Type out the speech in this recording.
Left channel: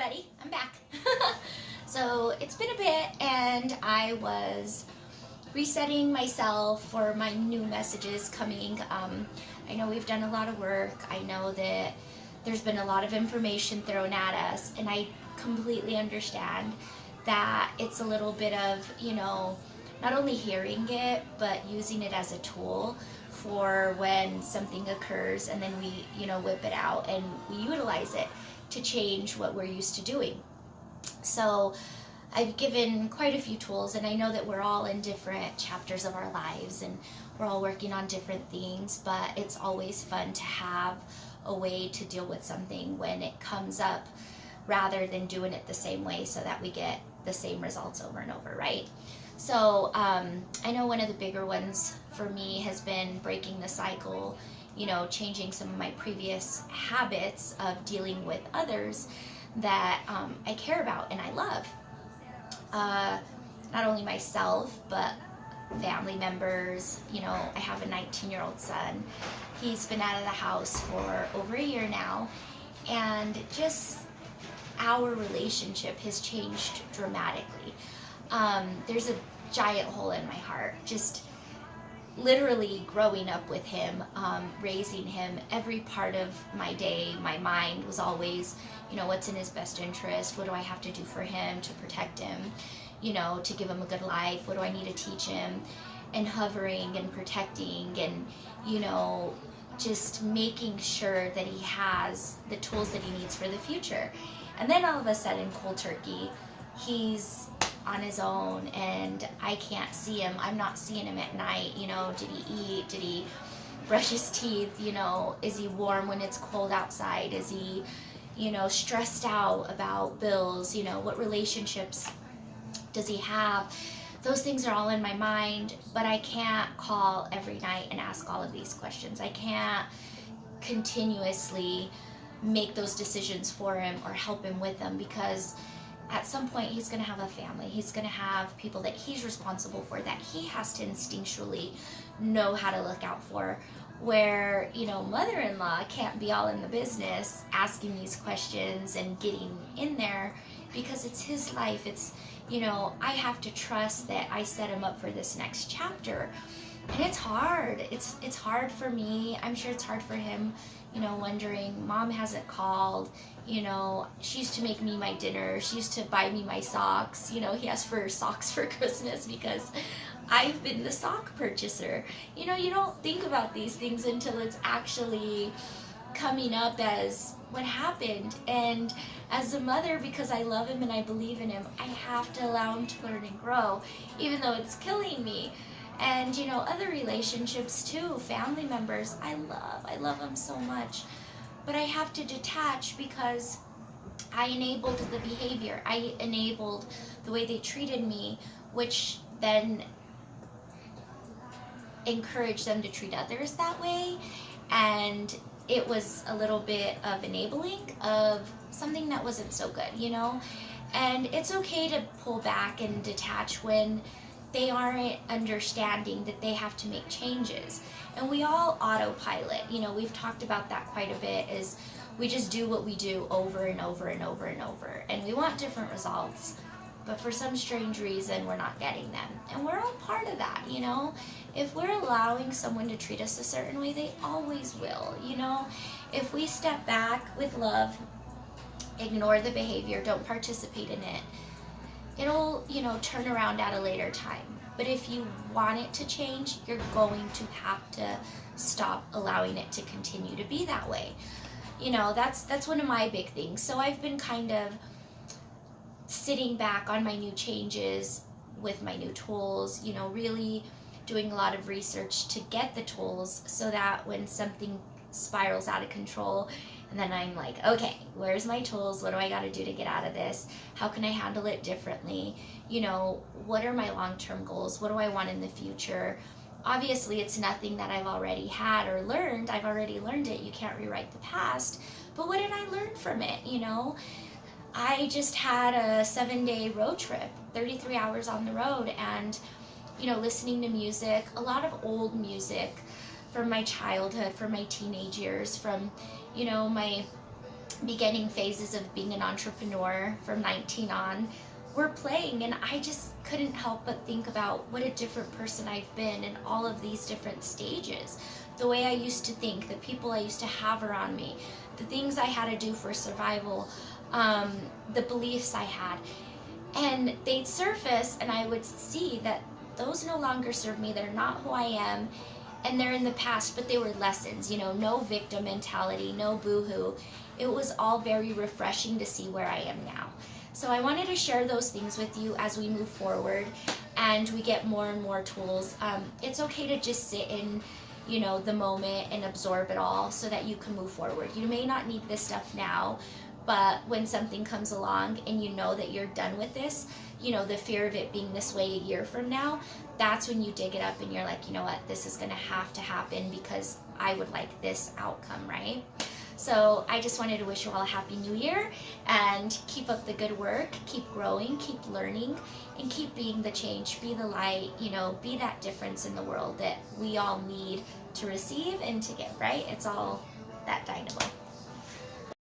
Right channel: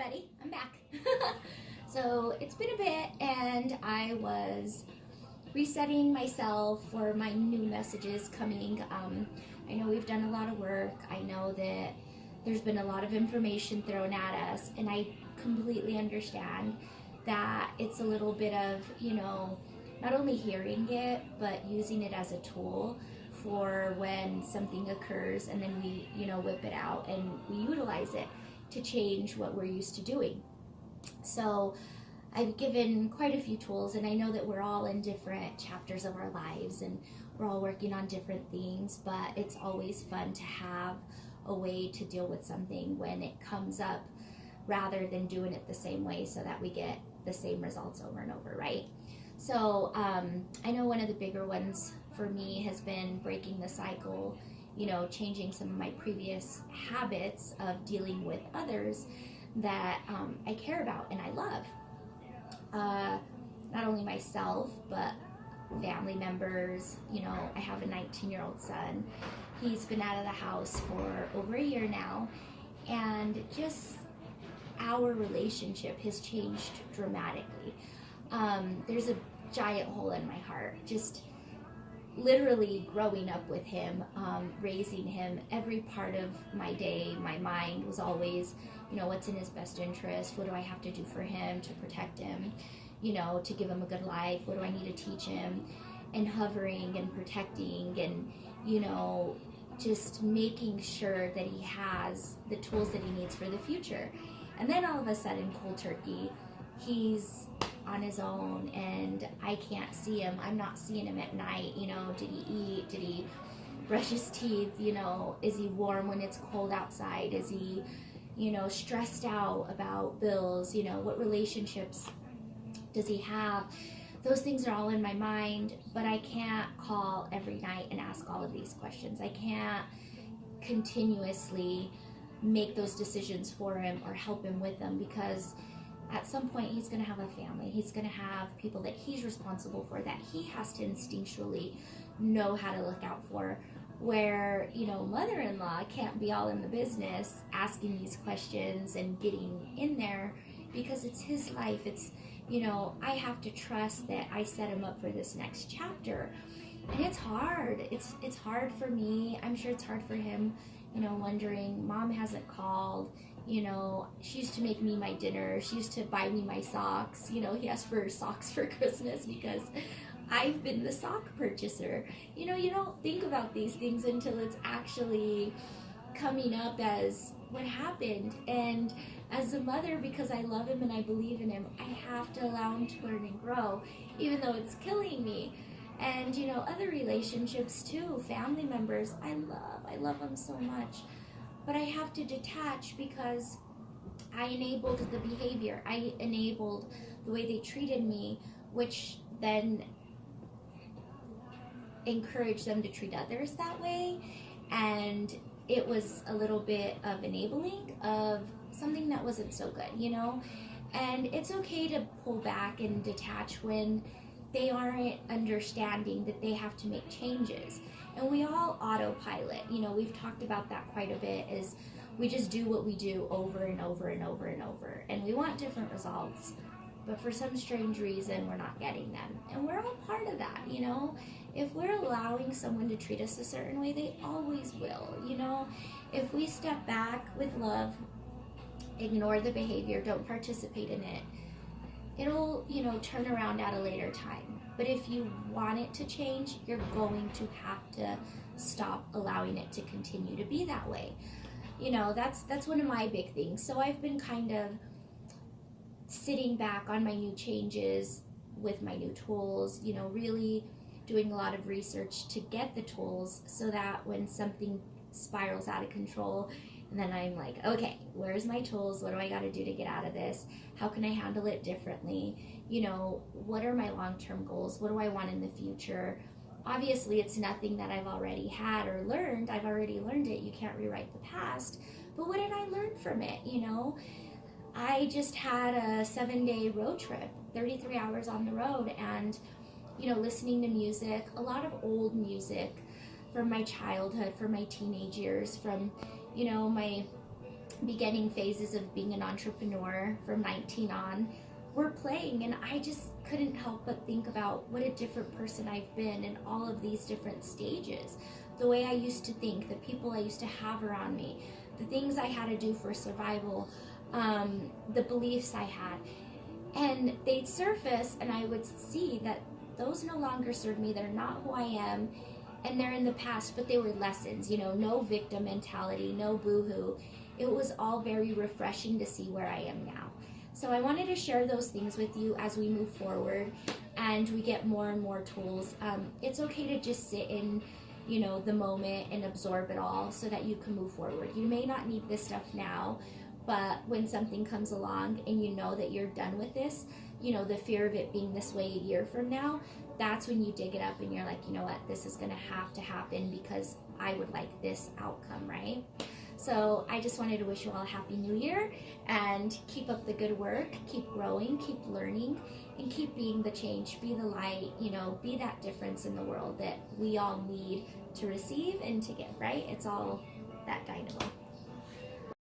everybody, I'm back. So it's been a bit, and I was resetting myself for my new messages coming. I know we've done a lot of work. I know that there's been a lot of information thrown at us, and I completely understand that it's a little bit of, not only hearing it, but using it as a tool for when something occurs, and then we, whip it out and we utilize it to change what we're used to doing. So I've given quite a few tools, and I know that we're all in different chapters of our lives and we're all working on different things, but it's always fun to have a way to deal with something when it comes up rather than doing it the same way so that we get the same results over and over, right? So I know one of the bigger ones for me has been breaking the cycle, changing some of my previous habits of dealing with others that I care about and I love. Not only myself, but family members. I have a 19-year-old son. He's been out of the house for over a year now, and just our relationship has changed dramatically. There's a giant hole in my heart, just literally growing up with him, raising him. Every part of my day, my mind was always, what's in his best interest? What do I have to do for him to protect him, to give him a good life? What do I need to teach him? And hovering and protecting and, just making sure that he has the tools that he needs for the future. And then all of a sudden, cold turkey, he's on his own and I can't see him. I'm not seeing him at night. Did he eat? Did he brush his teeth? Is he warm when it's cold outside? Is he, stressed out about bills? What relationships does he have? Those things are all in my mind, but I can't call every night and ask all of these questions. I can't continuously make those decisions for him or help him with them, because at some point he's going to have a family. He's going to have people that he's responsible for, that he has to instinctually know how to look out for, where, mother-in-law can't be all in the business asking these questions and getting in there, because it's his life. It's, I have to trust that I set him up for this next chapter. And it's hard. It's hard for me. I'm sure it's hard for him, wondering, Mom hasn't called. She used to make me my dinner. She used to buy me my socks. He asked for socks for Christmas because I've been the sock purchaser. You don't think about these things until it's actually coming up as what happened. And as a mother, because I love him and I believe in him, I have to allow him to learn and grow, even though it's killing me. And, other relationships too, family members, I love them so much. But I have to detach, because I enabled the behavior. I enabled the way they treated me, which then encouraged them to treat others that way. And it was a little bit of enabling of something that wasn't so good, And it's okay to pull back and detach when they aren't understanding that they have to make changes. And we all autopilot. We've talked about that quite a bit, is we just do what we do over and over and over and over. And we want different results, but for some strange reason, we're not getting them. And we're all part of that, If we're allowing someone to treat us a certain way, they always will, If we step back with love, ignore the behavior, don't participate in it, it'll, turn around at a later time. But if you want it to change, you're going to have to stop allowing it to continue to be that way. That's one of my big things. So I've been kind of sitting back on my new changes with my new tools, really doing a lot of research to get the tools so that when something spirals out of control, and then I'm like, okay, where's my tools? What do I got to do to get out of this? How can I handle it differently? What are my long-term goals? What do I want in the future? Obviously, it's nothing that I've already had or learned. I've already learned it. You can't rewrite the past. But what did I learn from it? I just had a 7-day road trip, 33 hours on the road, and, listening to music, a lot of old music from my childhood, from my teenage years, from, my beginning phases of being an entrepreneur from 19 on were playing, and I just couldn't help but think about what a different person I've been in all of these different stages. The way I used to think, the people I used to have around me, the things I had to do for survival, the beliefs I had. And they'd surface, and I would see that those no longer serve me. They're not who I am, and they're in the past, but they were lessons, no victim mentality, no boo-hoo. It was all very refreshing to see where I am now. So I wanted to share those things with you as we move forward and we get more and more tools. It's okay to just sit in, the moment and absorb it all so that you can move forward. You may not need this stuff now, but when something comes along and you know that you're done with this, the fear of it being this way a year from now, that's when you dig it up and you're like, you know what, this is going to have to happen because I would like this outcome, right? So I just wanted to wish you all a happy new year and keep up the good work, keep growing, keep learning, and keep being the change, be the light, be that difference in the world that we all need to receive and to give, right? It's all that dynamo.